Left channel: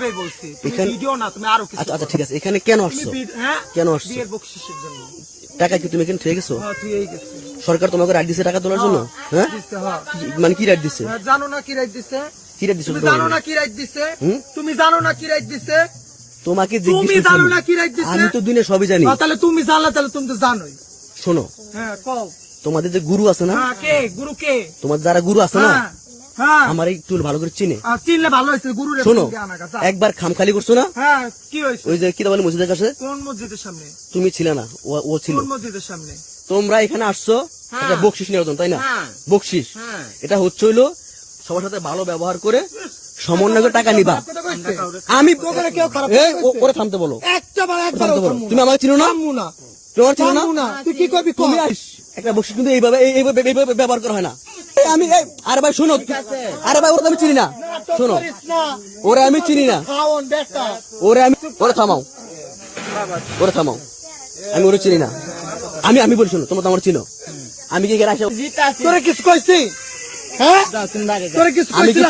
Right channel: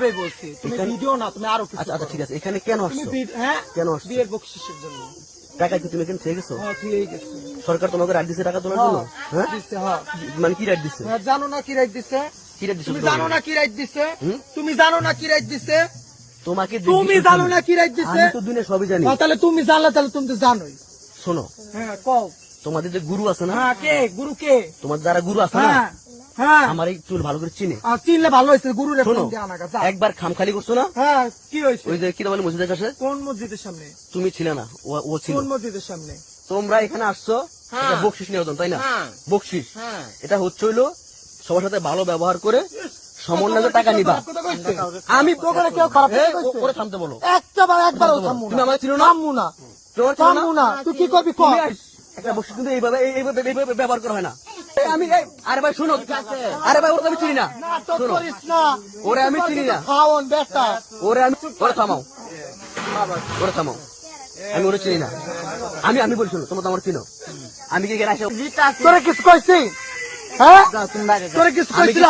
বলছি ভিডিও না, তুমি আরো কিছু। আচ্ছা ঠিক আছে, এখানে কেন আসছো? কেন আসছো? বিয়ের বকশিসের জন্য। টাকা কি তুমি এখানে থেকে গেছো? হ্যাঁ, তুই এই গেছিস। সরকার তোমাকে রাইট দিছে টাকা তোলার জন্য? হ্যাঁ, দিছে, হ্যাঁ। মানে কি রাইট দিছে? জানো না কি রাইট দিছে? কি রাইট দিছে? তুমি জানো না কি রাইট দিছে? তুমি জানো না কি রাইট দিছে? তোমাকে তুমি জানো না কি রাইট দিছে? আমি তো দুনিয়া সবই জানি। তাহলে তুমি জানলে তাহলে তুমি তো জানোই। শোনো, হ্যাঁ, কও। তোমাদের যে গুরু আছে না? হ্যাঁ, কে গুরু? কে? তোমাদের যারা গুরু আছে না, হ্যাঁ, আমার এই চুল ভালো করে চিনে। চিনলে ভালো হয়েছে। গুরু রে শোনো, ফোন দে আনা গা। একবার খামখালি করছো না? হ্যাঁ, কি হয়েছে? ওই যে কি বলে মসজিদের কাছে। কোন মসজিদের সামনে? তুমি ছিলে না, ও ছিল। কোন মসজিদের সামনে? তোমরা এখানে আসছো এটা বকশিস নেওয়ার জন্য, তাই না? বকশিস এটা হচ্ছে হইলো সবার সাথে ভালো ব্যবহার করে সমন্বয় করে টাকা নিবা। আমি তোকে কেউ খারাপ করে থামতে বলো। একবার তুমি আমাকে চিনো না? তোমার চিনো না? তুই কি করবি? একটা বকশিস কিন্তু এইভাবে ব্যবহার করা হয় না। আমি আরে ভাই শোনো, আরে ভাই ওরা আমি চিনি না। শোনো, ওরা আমি চিনি না। ওরে থামাও, আমি ওরা চিনি না। আমি বলি শোনো, তোমরা তো আমার চিনো। আমি কি এখানে আসে তোরা কিছু কইছি? হ্যাঁ, তোরা কিছু কইছিস?